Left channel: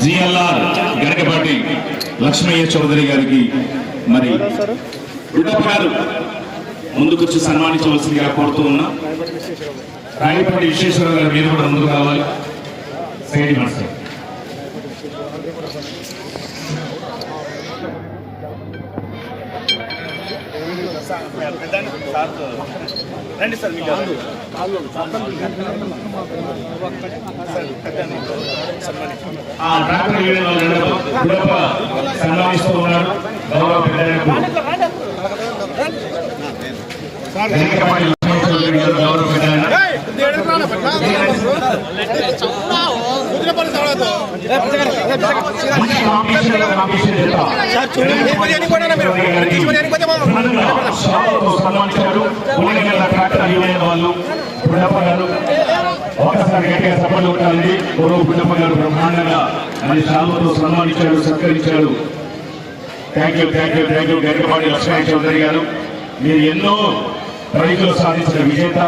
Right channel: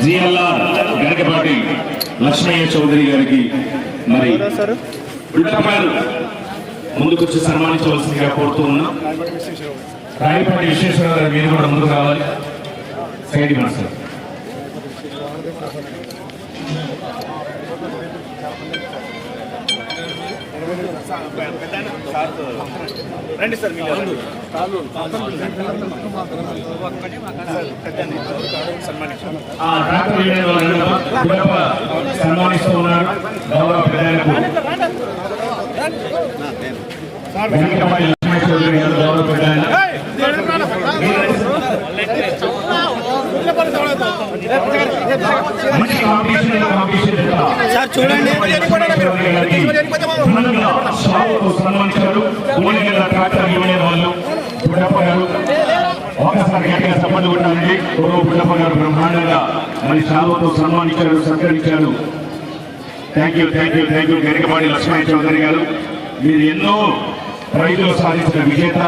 GLR Garakapati Lakshmaiah Chowdary గారికి మరి బిడ్డపాలు ముందుకొచ్చి సన్మానించవలసిందిగా కోరుతూ ఉన్నాం. రాయపాటి విశ్వేశ్వరరావు గారు మీరు కూడా ముందుకు రావాలి. Side master. రండి సార్ మీరు రండి. సార్ పెద్దాన్ని సన్మానించండి ఆ ట్రాక్టర్ యూనియన్ వాళ్ళు ఉండడం బిడ్డప్ప సన్మానిస్తూ ఉన్నారు గౌరవ పెద్దలకు గరకపాటి లక్ష్మయ్య చౌదరి గారు గౌరవ పెద్దలు మంచి కాంపిటీషన్ కాంపిటీషన్ ఘనంగా షాలతో సన్మానించారు ఉలిగల ట్రాక్టర్ యూనియన్ వాళ్ళు బుడ్డప్ప గారు ఒకసారి గట్టిగా సపోర్ట్ ఉండాలండి గురువు బుడ్డప్ప గారు బ్రహ్మాండంగా మరి షాలతో సన్మానించాడు సత్కరించాడు thank you thank you thank you Garikapati Lakshmana Chowdary garu మీరు ఎన్నో ప్రైజులు సాధించిన విజేత.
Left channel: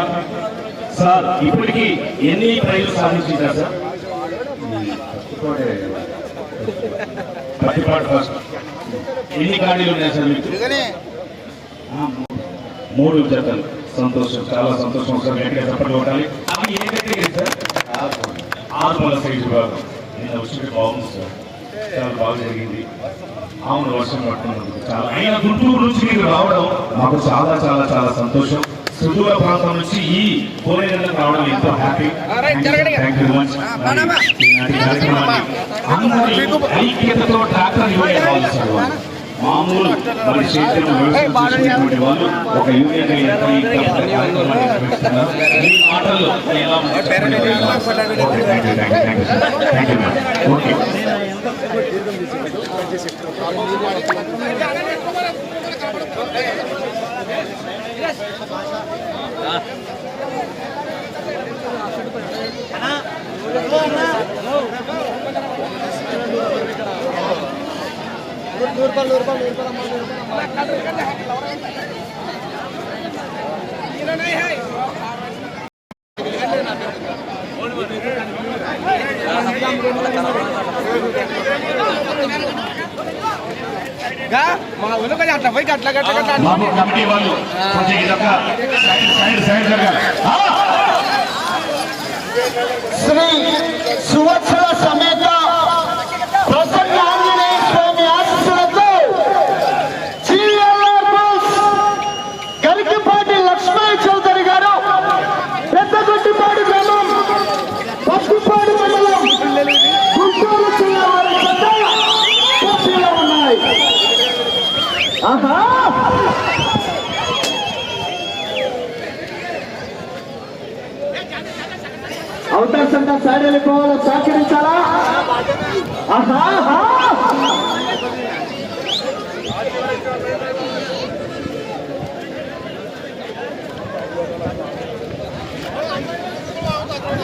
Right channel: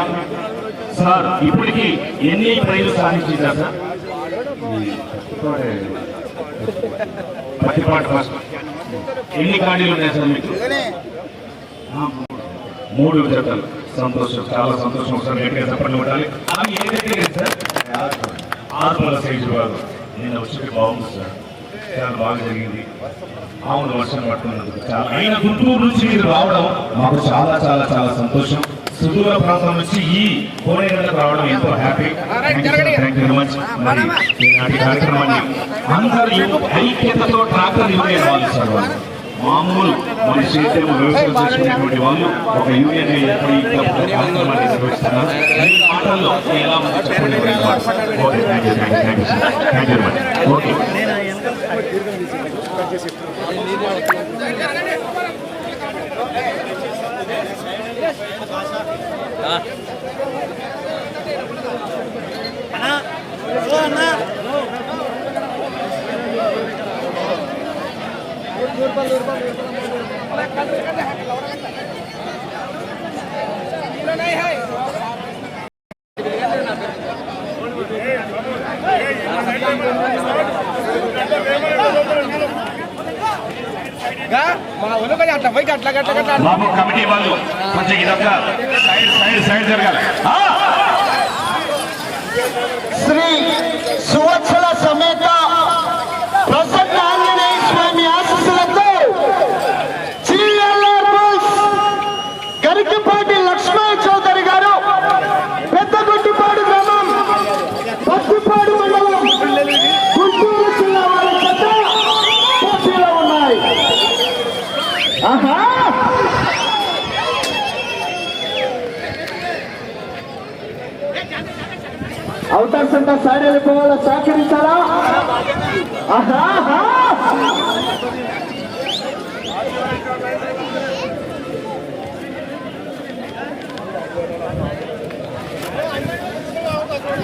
సార్ ఇప్పటికీ ఎన్ని ప్రైజులు సాధించారు సార్? పత్తిపాటు ఫస్ట్ ఎన్ని ఖాళీలు ఉన్నాయి సార్ మీకు? మూడు. జతలు. సంతోషం. చాలా సంతోషం. ఒకసారి గట్టిగా చెప్పండి ఉండాలి. అవి ఏ దగ్గర సార్ ఆత్మల సైజు భాగం నిన్న వచ్చి బాగుంది సార్ చాలా బాగా జరిగింది అవును వర్షం పడుతున్నందుకు చాలా అయిన గుంటూరు నుంచి మీరు రావడం మాకు చాలా చాలా చాలా సంతోషం సుదూర ప్రాంతం నుంచి ఈ కోరేగంటకు రావడం ఎంతో హ్యాపీ థ్యాంక్ యూ మచ్ ఈనాటి కార్యక్రమాన్ని అందరి ఐక్యతతో ట్రాక్టర్ యూనియన్ వాళ్ళు సార్ వాళ్ళు మామూలు మరి చేతులు వ్యవసాయం చేసుకునేటువంటి వాళ్ళు ఒక యూనియన్ ఏర్పడి ఇక్కడ ఒక కార్యక్రమాన్ని నిర్వహిస్తున్నారు మీ మాటల్లో ఎలా ఉంది చెప్పండి okay thank you thank you thank you sir thank you much okay మా ఊళ్ళో కొంచెం అట్లా పోయి అట్లా గట్ల గట్ల బాబు కమిటీ వాళ్ళు కొంచెం ఇదొక సైడ్ సైడ్ సైడ్ జరగాలి. ఆ! శ్రీ అవుటర్స్ సైడ్ వెళ్ళిపోవాలా? సహకరించాలా ఆహా ఆహా.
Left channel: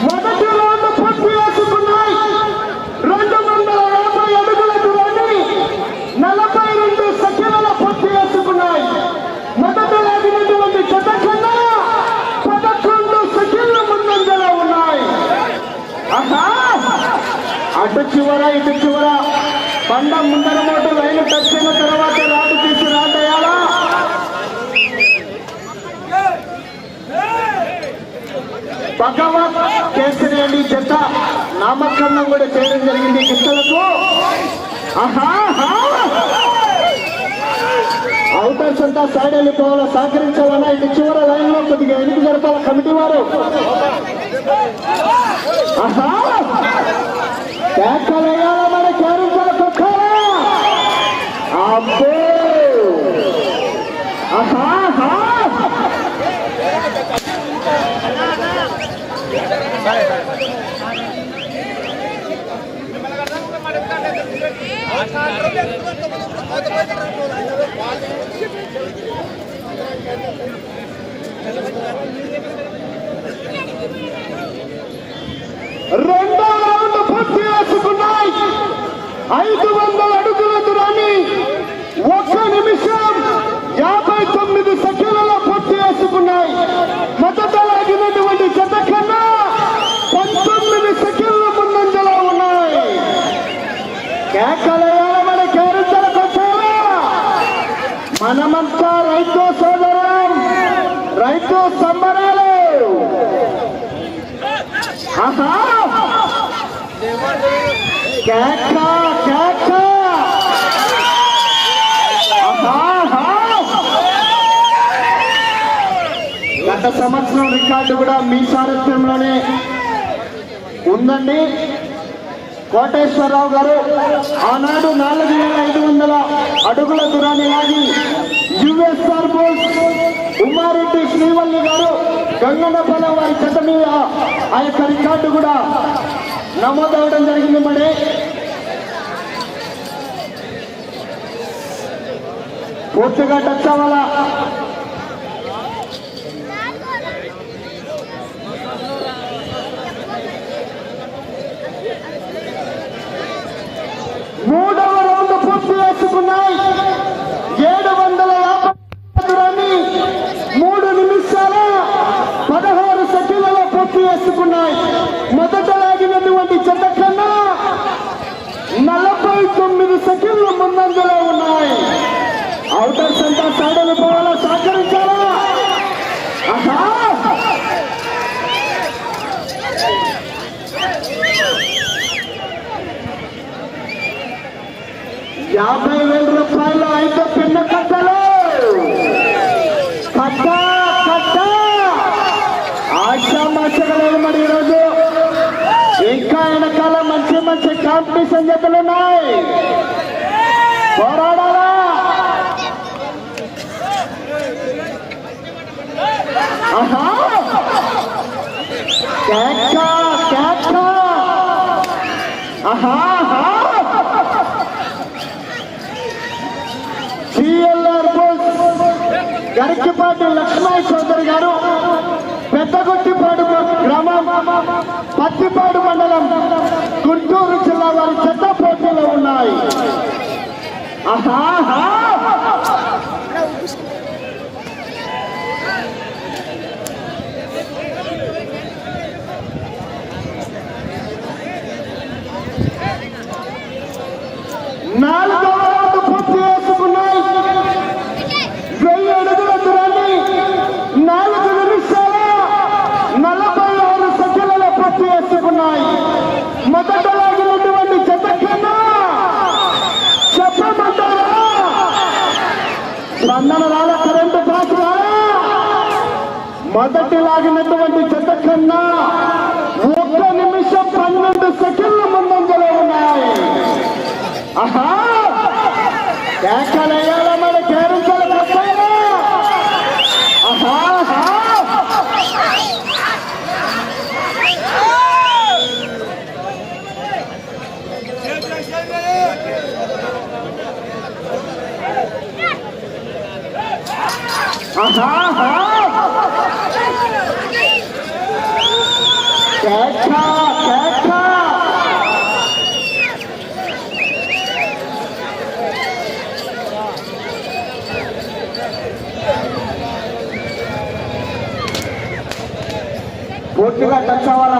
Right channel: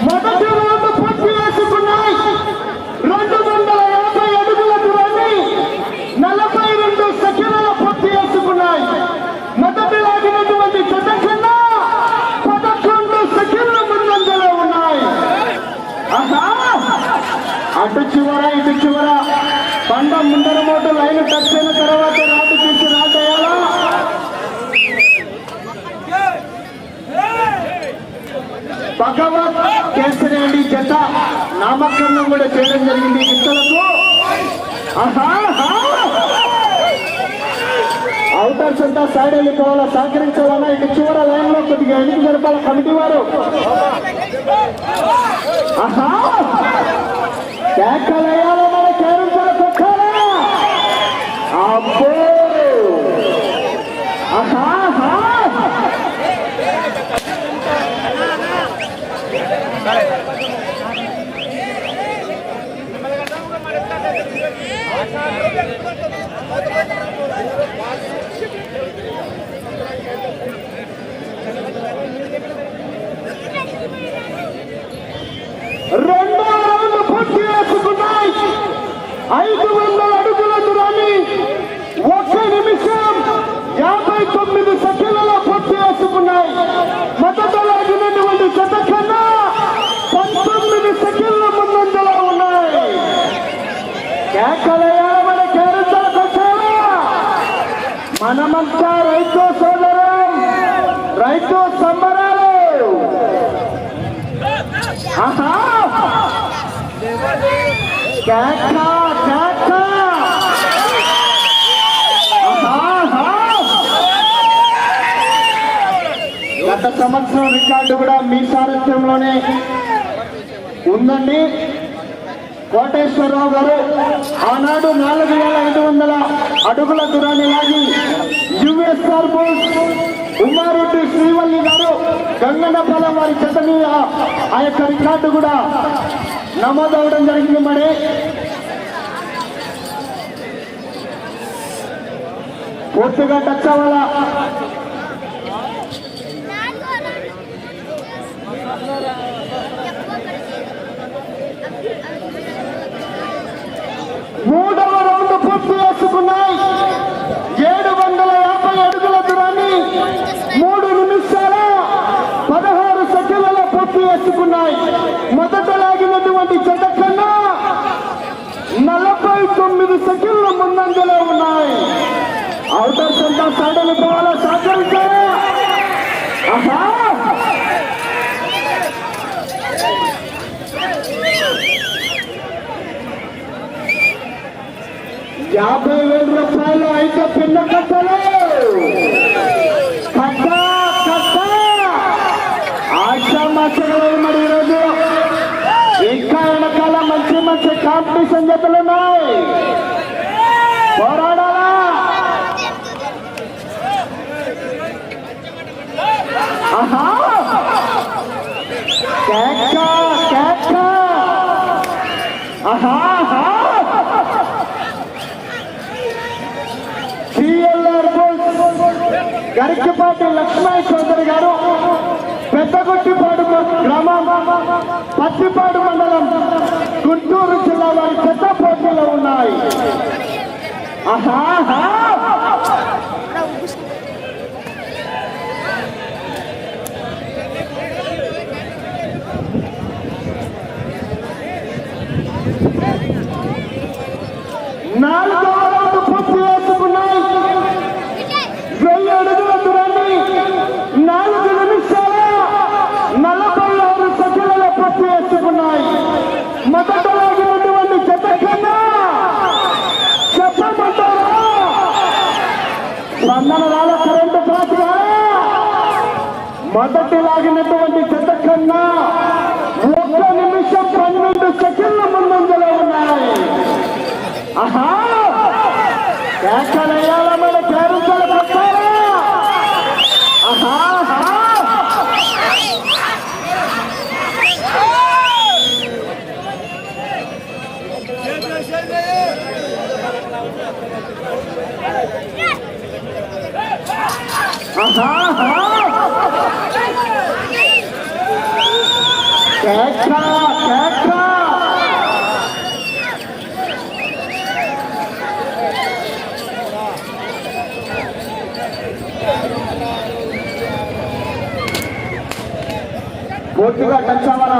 మొదటి రౌండ్ పూర్తి చేసుకున్నాయి రెండు వందల యాభై అడుగుల దూరాన్ని నలభై రెండు సెకండ్ల పూర్తి చేసుకున్నాయి మొదట లాగినటువంటి జత కన్నా పదకొండు సెకండ్ల ముందంజలో ఉన్నాయి ఆహా అటు చివర ఇటు చివర బండ ముందర మోటు లైన్ టచ్ అయిన తర్వాత రాటు తీసి రాటేయాలా భగవత్ కేసరేండి జత నామకరణం కూడా చేయడం జరిగింది. గుట్టలకు అవుటర్స్ అంతా సైడ్ వెళ్ళిపోవాలా? సహకరించాలన్నా ఇటు చివర లైన్లో కొద్దిగా ఎన్నిక జరపాల కమిటీ వారు. ఆహా కేకలేయాలా మన కేరించాల కొట్టాలా అబ్బో ఆహా ఆహా. రెండో రౌండ్ పూర్తి చేసుకున్నాయి ఐదు వందల అడుగుల దూరాన్ని ఒక్క నిమిషం యాభై తొమ్మిది సెకండ్ల పూర్తి చేసుకున్నాయి మొదట లాగినటువంటి జత కన్నా గత సంవత్సరం రికార్డు కూడా మీ సారథ్యంలోనే ఉందండి. కోటేశ్వరరావు గారు ఆనాడు నాలుగు వేల ఐదు వందల అడుగుల దూరాన్ని లాగి యుఎస్ఆర్ బోల్స్ ఉమారెడ్డి శ్రీవల్లి గారు గంగన్నపాలెం వారి చెత్త మీద ఆ యొక్క రికార్డు కూడా నమోదవడం జరిగింది మరి. పూర్తిగా టచ్ అవ్వాలా మూడవ రౌండ్ పూర్తి చేసుకున్నాయి ఏడు వందల యాభై అడుగుల దూరాన్ని మూడు నిమిషాల పదహారు సెకండ్లలో పూర్తి చేసుకున్నాయి మొదట లాగినటువంటి జత కన్నా నలభై తొమ్మిది సెకండ్లు ముందంజలో ఉన్నాయి. అవుటర్స్ అంతా సైడలు పోవాలా? సహకరించారా యాభై వేల రూపాయలు అయితే పిన్న కట్ట కట్ట ఆశామాచారం మరి ఈరోజు ఇంకా వెనకాల మంచి మంచి కాంపిటీషన్ జతలు ఉన్నాయి పోరాడాలా ఆహా కేక కేక ఆహా ఆహా సిఎల్ఆర్ గరికిపాటి లక్ష్మయ్య చౌదరి గారు పెద్దగొట్టిపాడు గ్రామం పత్తిపాడు మండలం గుంటూరు జిల్లా వారి చెత్త పోటీలో ఉన్నాయి. ఆహా నాలుగవ రౌండ్ పూర్తి చేసుకున్నాయి వెయ్యి అడుగుల దూరాన్ని నాలుగు నిమిషాల నలభై ఆరు సెకండ్ల పూర్తి చేసుకున్నాయి మొదట లాగినటువంటి జత కన్నా చెప్పమంటారా స్పందన వాళ్ళ కరెంటు క్రాస్ వాళ్ళ మొదటి లాగినటువంటి జత కన్నా ఒక్క నిమిషం పన్నెండు సెకండ్ల ముందంజలో ఉన్నాయి. ఆహా! కేకలేయాల మన ఆహా! ఆహా. ఆహా ఆహా. కేక కేక పూర్తిగా టచ్ అవ్వాలా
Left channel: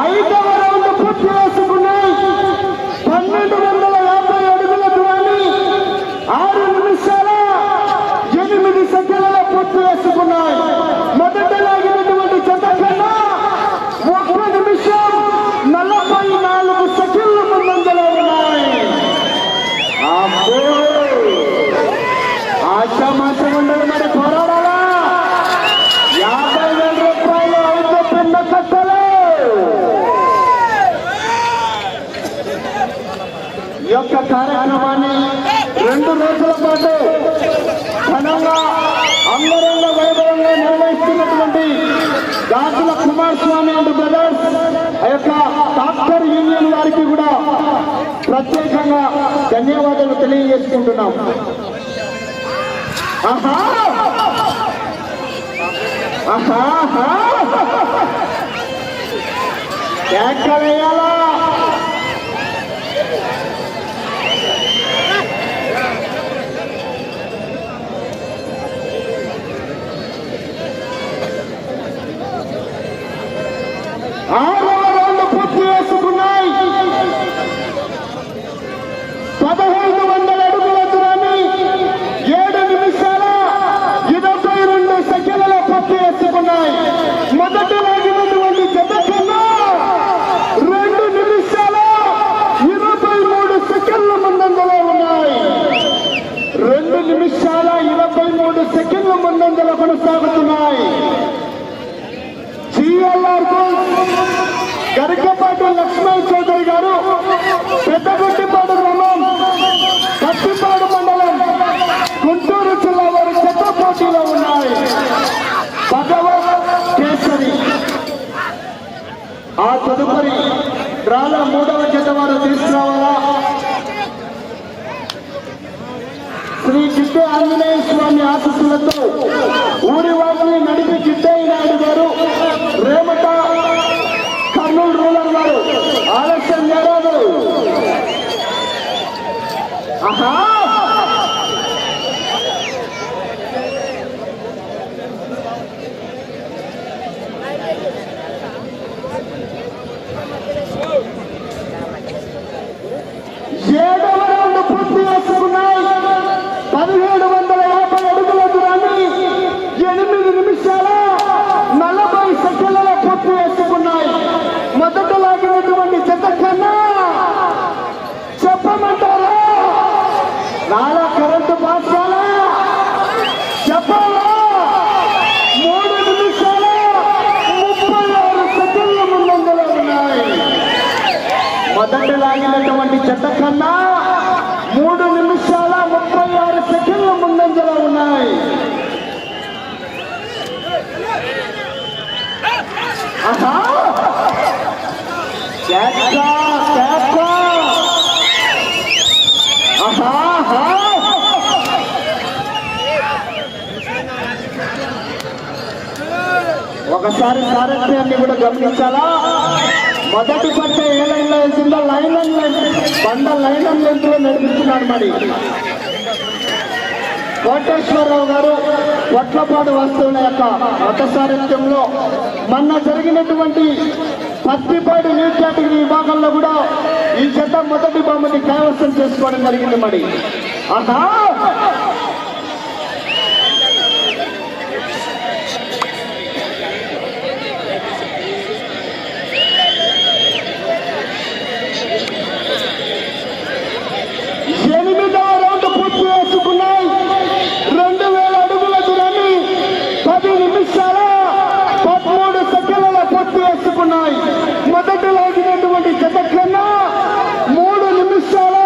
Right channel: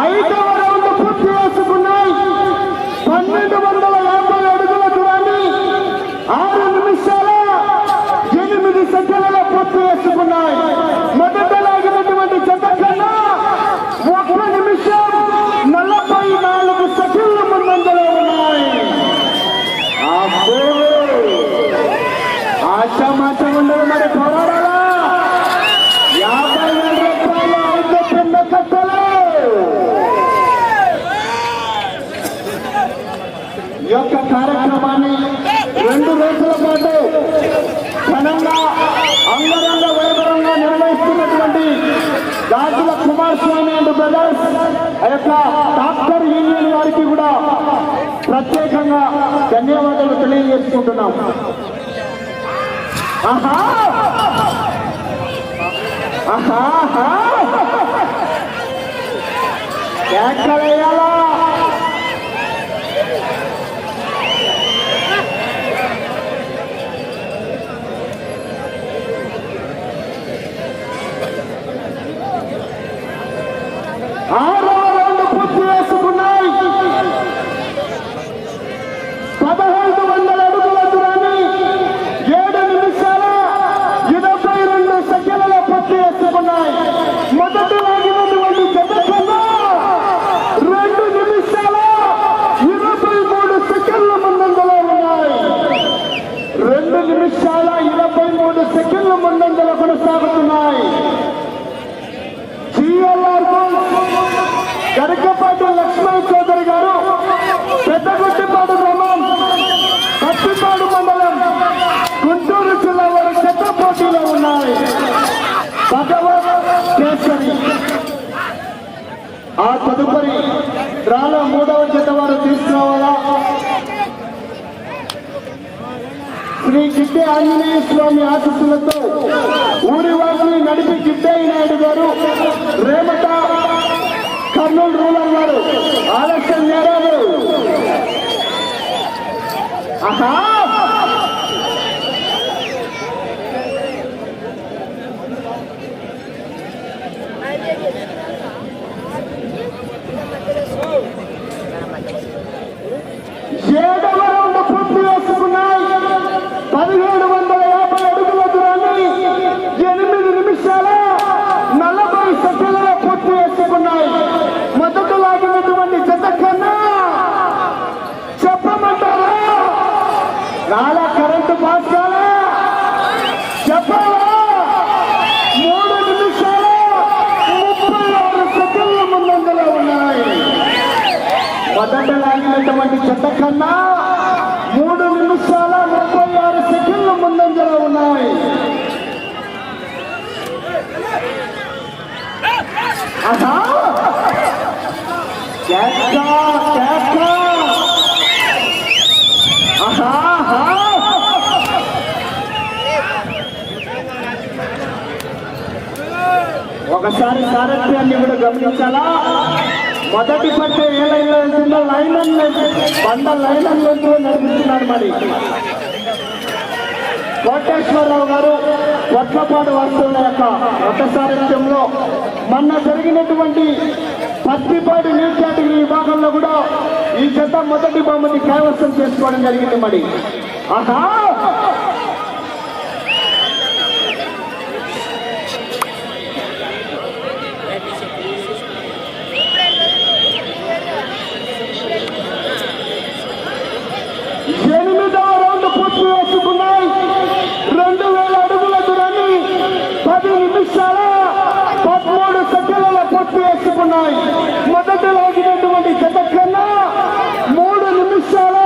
ఐదవ రౌండ్ పూర్తి చేసుకున్నాయి పన్నెండు వందల యాభై అడుగుల దూరాన్ని ఆరు నిమిషాల ఎనిమిది సెకండ్లలో పూర్తి చేసుకున్నాయి మొదట లాగినటువంటి జత కన్నా ఒక్క నిమిషం నలభై నాలుగు సెకండ్ల ముందంజలో ఉన్నాయి అబ్బో ఆశామాసం ఉండదు మరి పోరాడాలా యాభై వేల రూపాయలు అయితే పిన్న కట్టలు ఈ యొక్క కార్యక్రమాన్ని రెండు రోజుల పాటు ఘనంగా అంగరంగ వైభవంగా నిర్వహిస్తున్నటువంటి గాజుల కుమారస్వామి అండ్ బ్రదర్స్ ఆ యొక్క డాక్టర్ యూనియన్ వారికి కూడా ప్రత్యేకంగా ధన్యవాదాలు తెలియజేసుకుంటున్నాం. ఆహా! ఆహా! ఆహా. కేకలేయాలా ఆరవ రౌండ్ పూర్తి చేసుకున్నాయి పదహైదు వందల అడుగుల దూరాన్ని ఏడు నిమిషాల ఇరవై రెండు సెకండ్ల పూర్తి చేసుకున్నాయి మొదటి లాగినటువంటి జత కన్నా ఆ తదుపరి రాల మూడవ జత వారు తీసుకురావాలా? శ్రీ గిడ్డే ఆంజనేయ స్వామి ఆశస్సులతో ఊరి వారిని నడిపి గిడ్డయ్య నాయుడు గారు రేమట కర్నూలు రూరల్ వారు ఆలస్యం చేయరాదు ఆహా ఏడవ రౌండ్ పూర్తి చేసుకున్నాయి పదిహేడు వందల యాభై అడుగుల దూరాన్ని ఎనిమిది నిమిషాల నలభై సెకండ్లలో పూర్తి చేసుకున్నాయి మొదట లాగినటువంటి జత కన్నా చెప్పమంటారా నాలా కరెంటు పాఠశాల చెప్పాలా మూడు నిమిషాల ముప్పై ఆరు సెకండ్ల ముందంజలో ఉన్నాయి మొదట లాగినటువంటి చెత్త కన్నా మూడు నిమిషాల ముప్పై ఆరు సెకండ్ల ముందంజలో ఉన్నాయి. ఆహా. ఒకసారి సారథ్యాన్ని కూడా గమనించాలా? మొదటి పట్ట ఏ లైన్లో వెళ్తుందో లైన్ వంద లైన్ లెంత్లో నడిపిస్తున్నాడు మరి. కోటేశ్వరరావు గారు వడ్లపాడు వస్తువుల యొక్క మత సారథ్యంలో మొన్న జరిగినటువంటి పత్తిపాడు న్యూ కేటగిరీ విభాగంలో కూడా ఈ జత మొదటి బొమ్మని కైవసం చేసుకోవడం జరిగింది మరి. ఆహా ఎనిమిదవ రౌండ్ పూర్తి చేసుకున్నాయి రెండు వేల అడుగుల దూరాన్ని పది నిమిషాల పదమూడు సెకండ్ల పూర్తి చేసుకున్నాయి మొదట లాగినటువంటి జత కన్నా మూడు నిమిషాల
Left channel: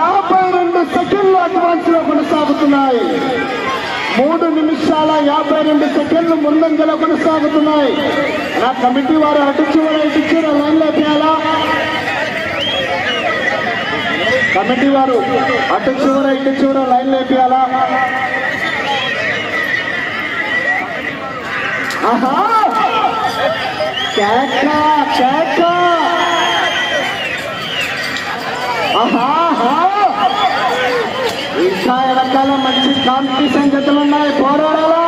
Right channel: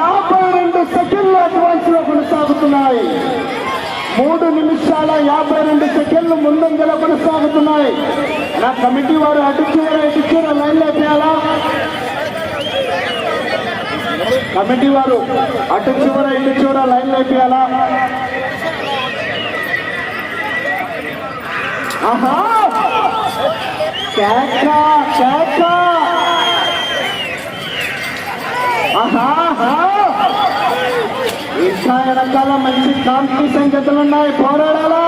యాభై రెండు సెకండ్ల అడ్వాన్స్లో కొనసాగుతున్నాయి మూడు నిమిషాల యాభై రెండు సెకండ్లు ముందంజలో కొనసాగుతున్నాయి నా కమిటీ వారు అటు చూడ ఇటు లైన్లో చేయాలా? కమిటీ వారు అటు చివర ఇటు చివర లైన్ లేపియాలా ఆహా! కేక కేక ఆహా ఆహా. ఇంకా రకాల మంచి కాంపిటీషన్ జతలు ఉన్నాయి పోరాడాలా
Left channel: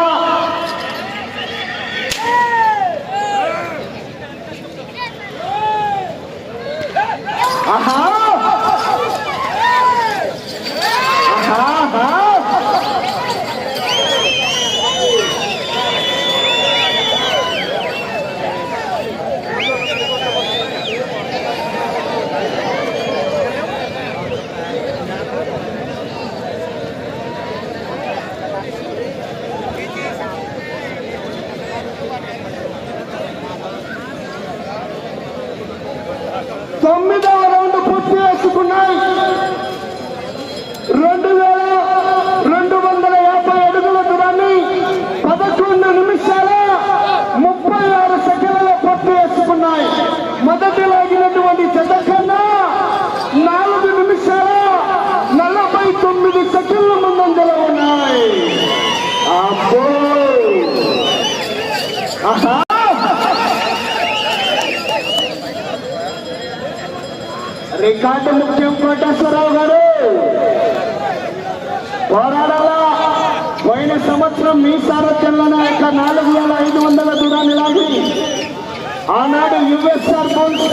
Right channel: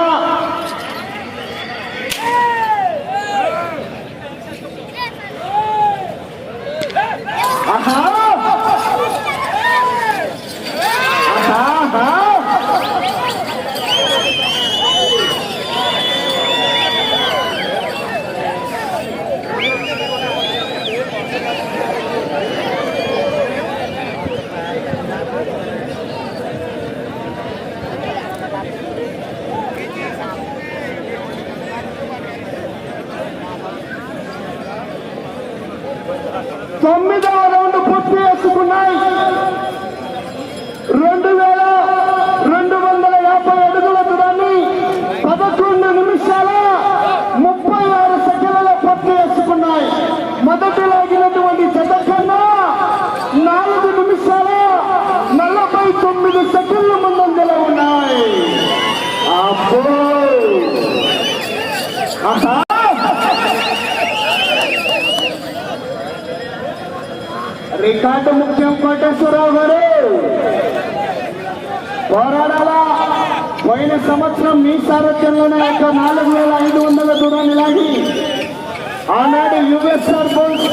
ఆహా ఆహా తొమ్మిదవ రౌండ్ పూర్తి చేసుకున్నాయి రెండు వేల రెండు వందల యాభై అడుగుల దూరాన్ని పదకొండు నిమిషాల ముప్పై ఆరు సెకండ్లలో పూర్తి చేసుకున్నాయి మొదటి లాగినటువంటి జత కన్నా నాలుగు నిమిషాల నలభై తొమ్మిది సెకండ్ల ముందంజలో ఉన్నాయి అబ్బో ఆహా రికార్డు ముఖ్యం కోటేశ్వరరావు గారు. పోరాడాల? పోయిన సంవత్సరం మీ సారథ్యంలోనే యొక్క నాలుగు వేల ఐదు వందల దూరాన్ని లాగి ఆనాడు యుఎస్ సర్పంచ్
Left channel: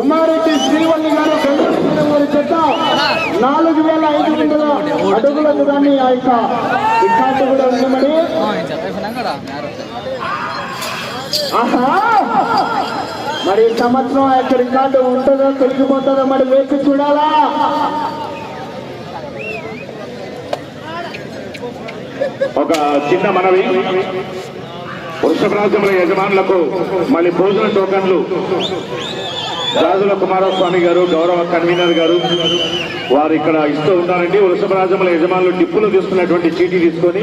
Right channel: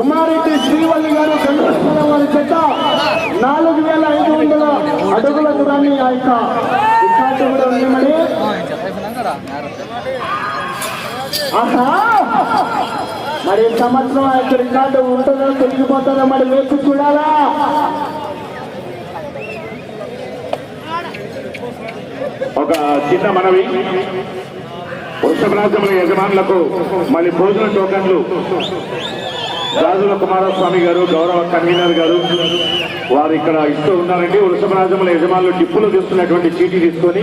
ఉమారెడ్డి శ్రీవల్లి గారు చంద్రశేఖర వారి చేత నాలుగు వేల ఐదు వందల అడుగుల దూరాన్ని ఆ యొక్క రికార్డు కూడా ఉందమని ఆహా! మరి సంవత్సరం ఆ యొక్క రికార్డు ఉంటుందో తెలిసిపోతుందో మరి వేసి చూడాలా? ఒక చిన్న మనవి. వృషభరాజముల యజమానులకు మళ్ళీ భోజన టోకన్లు. రాజుల కుమారస్వామి గారు గౌరవ కన్వీనర్ గారు వారు ఇక్కడ ఇస్తూ ఉన్నారండి వృషభరాజముల యజమానులు డిప్పులు తీసుకున్నటువంటి చీటీ తీసుకొని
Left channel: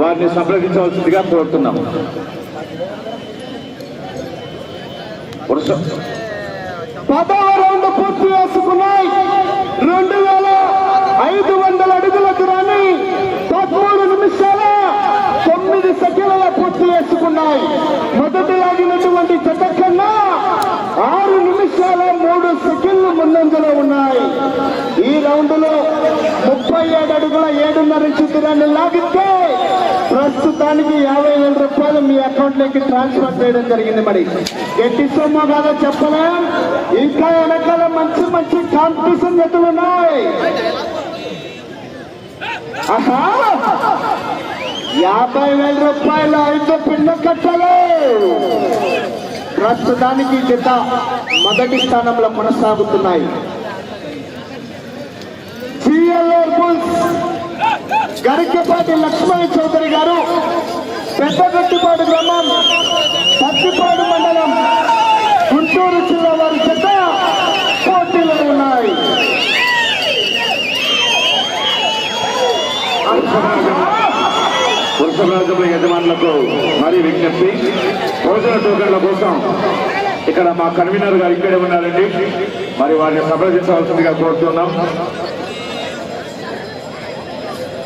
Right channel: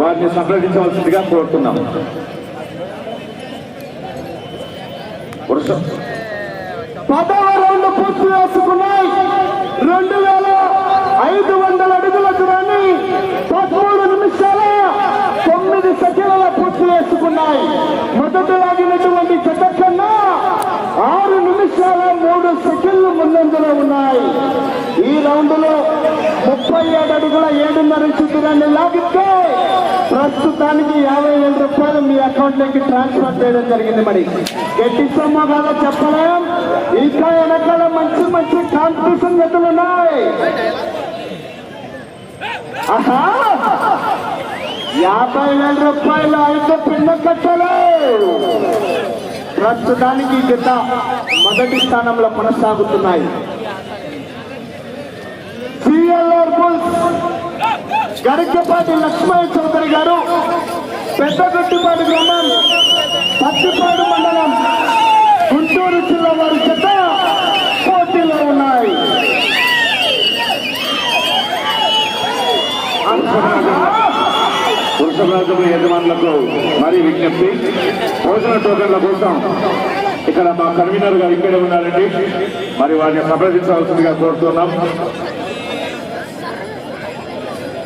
వారిని సంప్రదించవలసిందిగా కోరుతున్నాం. వృష- పదహారు పూర్తి చేసుకున్నాయి. రెండు వేల ఐదు వందల అడుగుల దూరాన్ని పదమూడు నిమిషాల తొమ్మిది సెకండ్ల పూర్తి చేసుకున్నాయి. మొదటి లాగినటువంటి జత కన్నా ఆరు నిమిషాల మూడు సెకండ్లు ముందంజలో ఉన్నాయి. ఈ రౌండ్లో ముప్పై ఏడు అడుగుల ఏడున్నర ఇంచు దూరాన్ని లాగితే ప్రస్తుతానికి యాభై వేల రూపాయలు మీ అకౌంట్లోకి ట్రాన్స్ఫర్ చేయడం జరిగింది మరి. గట్టి సొమ్మ కాదో చెప్పలేం. ఇంకా వెనకాల మంచి మంచి కాంపిటీషన్ జతలు ఉన్నాయి. యాభై వేల రూపాయలు ఐదు పిల్ల కట్టలు. ప్రస్తుతానికి జత మొదటి స్థానంలో కొనసాగుతున్నాయి. సిఎల్ఆర్ బుల్స్ గరికపాటి లక్ష్మణ చౌదరి గారు పెద్దగట్టిపాటి గ్రామం పత్తిపాడు మండలం గుంటూరు జిల్లా వారి చేత పోటీలో ఉన్నాయి. వృషభరాజముల యజమానులకు మరీ విజ్ఞప్తి. భోజన టోకన్ల కోసం ఇక్కడ మా కన్వీనర్ గారు ఇక్కడే ఉన్నారండి. మరి వారిని సంప్రదించవలసిందిగా కోరుతున్నాం.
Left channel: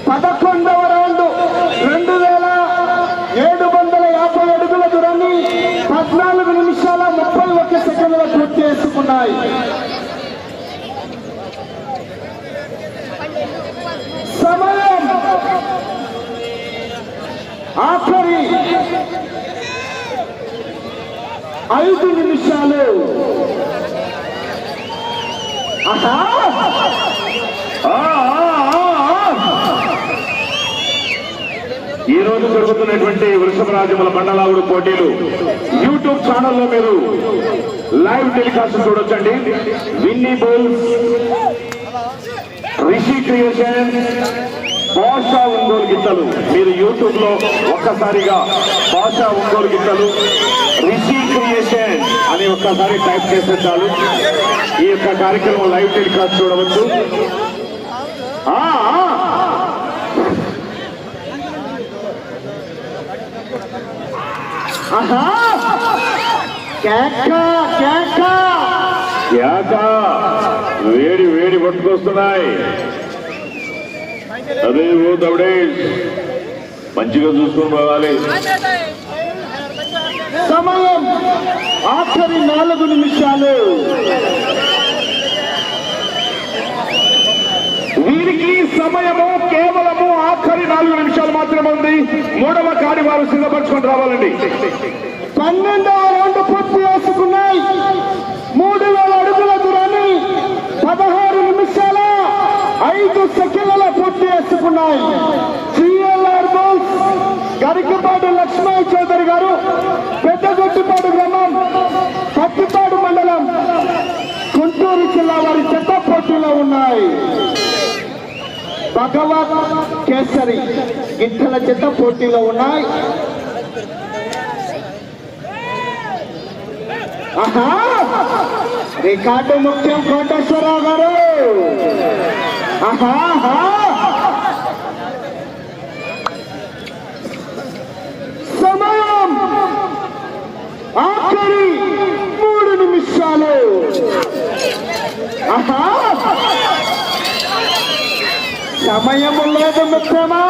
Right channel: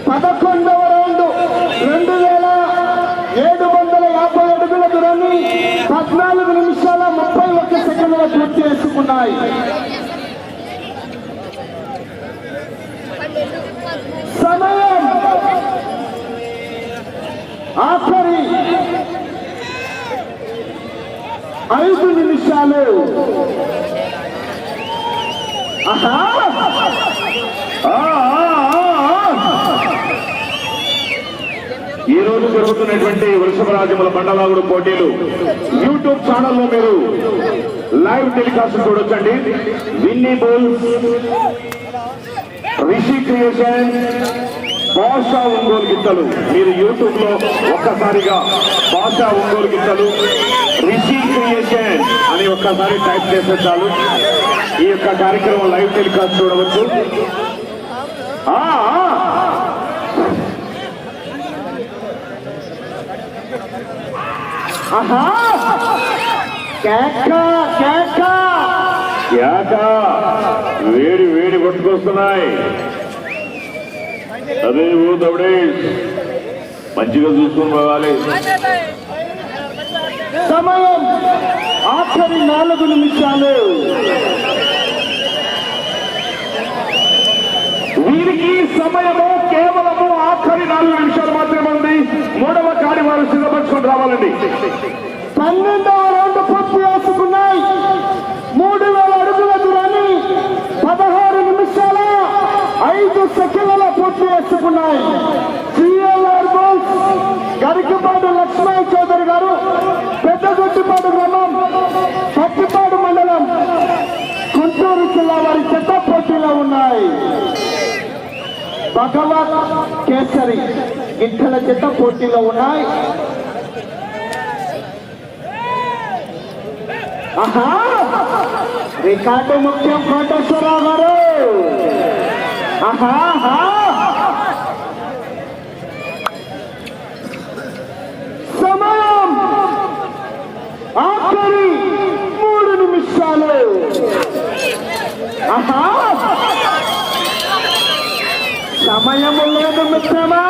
పదకొండవ రౌండ్. రెండు వేల ఏడు వందల యాభై అడుగుల దూరాన్ని పద్నాలుగు నిమిషాల ముప్పై ఒక్క సెకండ్ల పూర్తి చేసుకున్నాయి. సమయం. ఆఖరి ఐదు నిమిషాలు. ఆహా ఆ, ఆ, ఆ, ఆ. ఈ రోజు జరుగుతున్నటువంటి వృషభరాజముల బండలాగుడు పోటీలు యూట్యూబ్ ఛానల్లో మీరు లైవ్ టెలికాస్ట్ చూడొచ్చండి. విన్నీ బోల్ రిషి క్రియేషన్ భాషా ఒంగోలు గిత్తలు. మీరు యూట్యూబ్లో ఒక్కసారిగా భాషా ఒంగోలు గిత్తలు రిషి క్రియేషన్ అని ఒక్కసారి టైప్ చేసే చాలు. ఈ యొక్క కార్యక్రమం లైవ్ టెలికాస్ట్ చూడవచ్చు ఆ, ఆ. ఆహా కేక వేడి వేడి పట్టుకొస్తున్నాయి. అదే పోతాడే మంచిగా చూసుకుని సమయం ఆఖరి నాలుగు నిమిషాలు. వీరికి సమయము కేవలము ఆఖరి నాలుగు నిమిషాలు మాత్రమే ఉంది. మూడవ కాడి వారు సిద్ధపరచుకొని రావాలండి. పన్నెండవ రౌండ్ పూర్తి చేసుకున్నాయి మూడు వేల అడుగుల దూరాన్ని పదహారు నిమిషాల ఐదు సెకండ్ల పూర్తి చేసుకున్నాయి సిఎల్ఆర్ బోల్స్ గరికపాటి లక్ష్మణ చౌదరి గారు పెద్దగొట్టిపాడు గ్రామం పత్తిపాడు మండలం గుంటూరు జిల్లా వారి చెత్త పోటీలో ఉన్నాయి. భగవత్ కేసరి గిట్టల చెత్త పోటీలో ఉన్నాయి. ఆహా! రికార్డు ముఖ్యం కోటేశ్వరరావు గారు. ఆహా, প্রেমা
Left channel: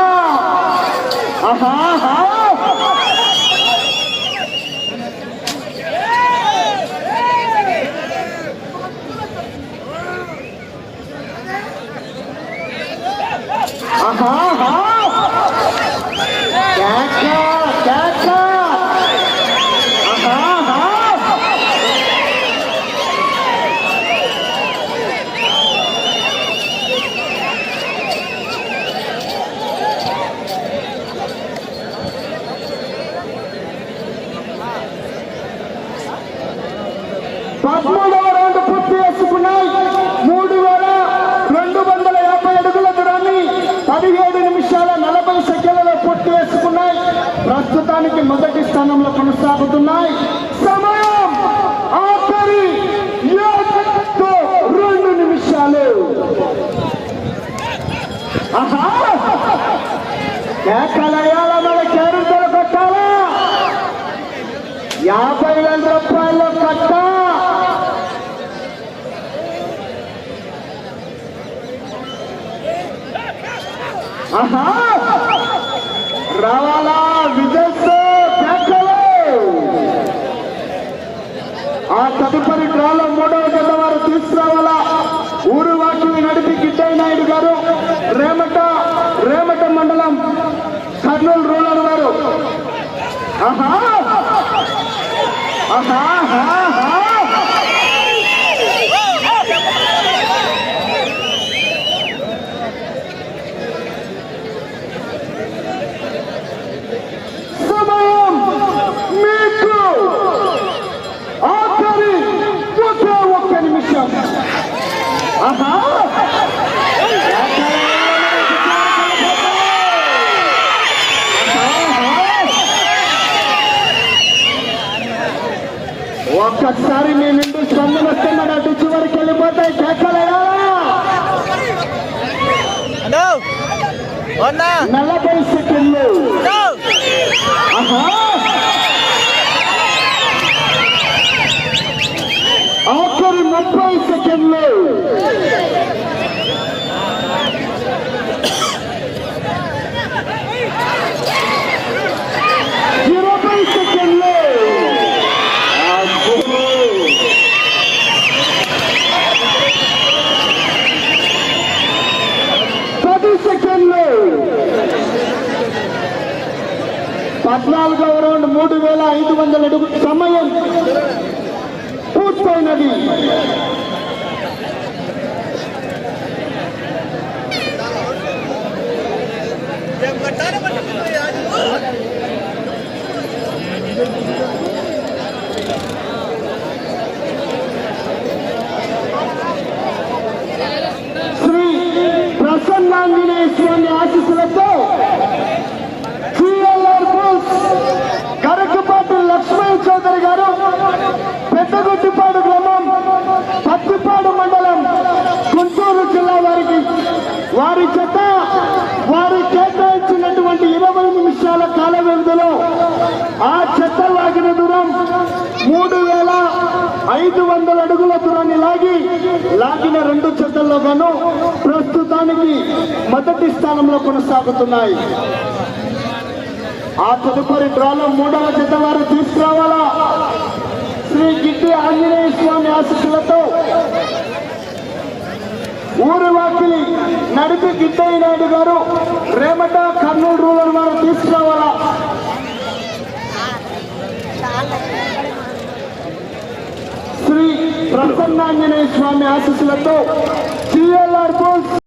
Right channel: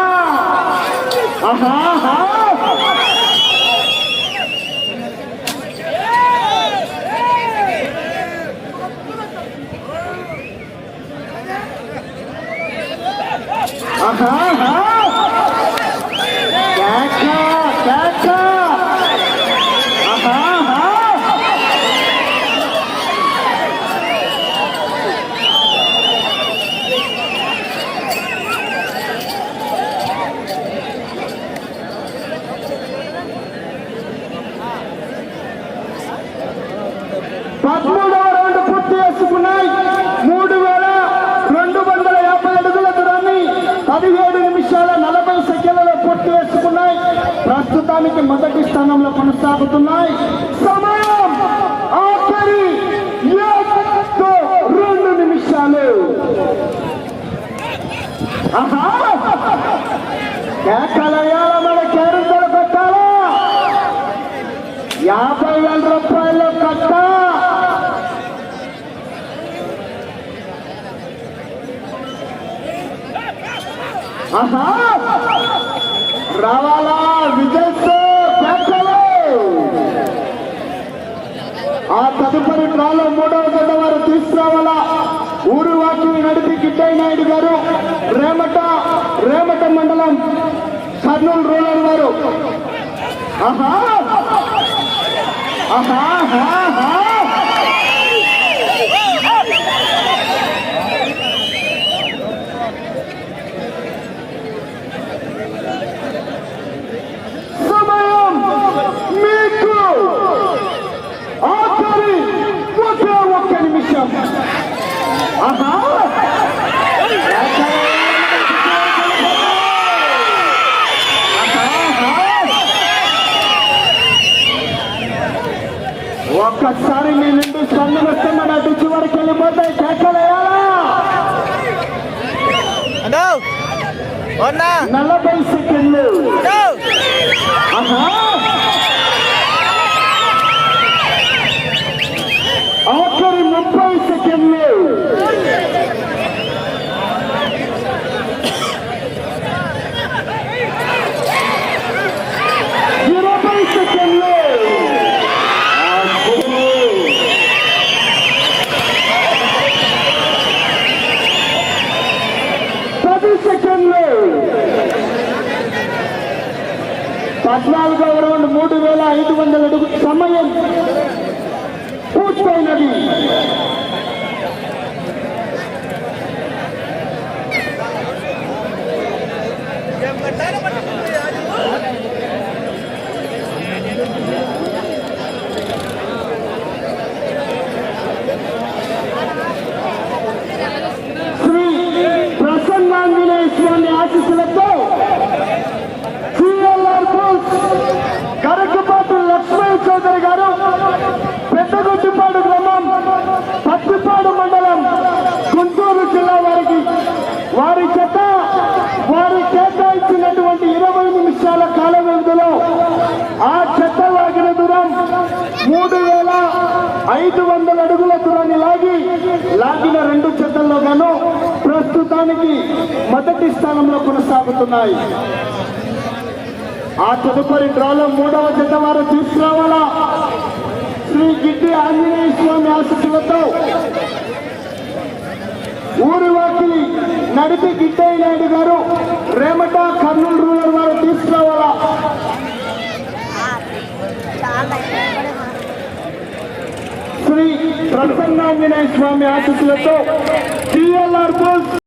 ప్రస్తుతానికి మొదటి స్థానంలో కొనసాగుతున్నాయి. సమయం ఆఖరి రెండు నిమిషాలు. ఆహా! మన కేరింతలు కట్టాలా? యాభై వేల రూపాయలు కట్ట. రావాలా? ఆ తదుపరి డ్రాలో మూడవ జత వారు తీసుకురావాలా? ఊరు వాకిలి నడిపి గిడ్డయ్య నాయుడు గారు రేమట రేమట మండలం కర్నూలు రూరల్ వారు. ఆహా! ఆహా ఆహా, ఆహా. సమయం మీకు ఆఖరి ఒకే ఒక్క నిమిషం ఆహా! ఒక్కసారి నీ నుండి స్పందన వస్తున్న అటు చివరికి వెళ్ళిపోతాయి. కేకలేయాలా నలభై సెకండ్లు అన్నా ఆఖరి ముప్పై సెకండ్లు ఇరవై సెకండ్లు అబ్బో. పది సెకండ్లు పద్నాలుగవ రౌండ్ మూడు వేల ఐదు వందల అడుగు సమయం పూర్తయినది శ్రీ ప్రసన్నాంజనేయ స్వామి ఆశీస్సులతో సిఎల్ఆర్ బుల్స్ కరకపాటి లక్ష్మణ్ చౌదరి గారు పెద్దగుట్టిపాడు గ్రామం పత్తిపాడు మండలం గుంటూరు జిల్లా వారికి వారి చేత వారి కేటాయించినటువంటి ఇరవై నిమిషాల కాల వ్యవధిలో ఆ చెత్త లాగిన దూరం మూడు వేల ఐదు వందల అడుగుల దూరాన్ని లాగి లాగిన రెండు చెత్తల్లో గాను ప్రస్తుతానికి మొదటి స్థానంలో కొనసాగుతున్నాయి. ఆ తదుపరి డ్రాలో మూడవ జత వారు తీసుకురావాలా? శ్రీ గిడ్డి ఆంజనేయ స్వామి ఆశీస్సులతో ఊరి వాకిలి నడిపి గిడ్డయ్య నాయుడు గారు రేమట కర్నూలు రూరల్ వారు తీసుకురావాలా? శ్రీ ప్రసన్నాంజనేయ స్వామి ఆశీస్సులతో సిఎల్ఆర్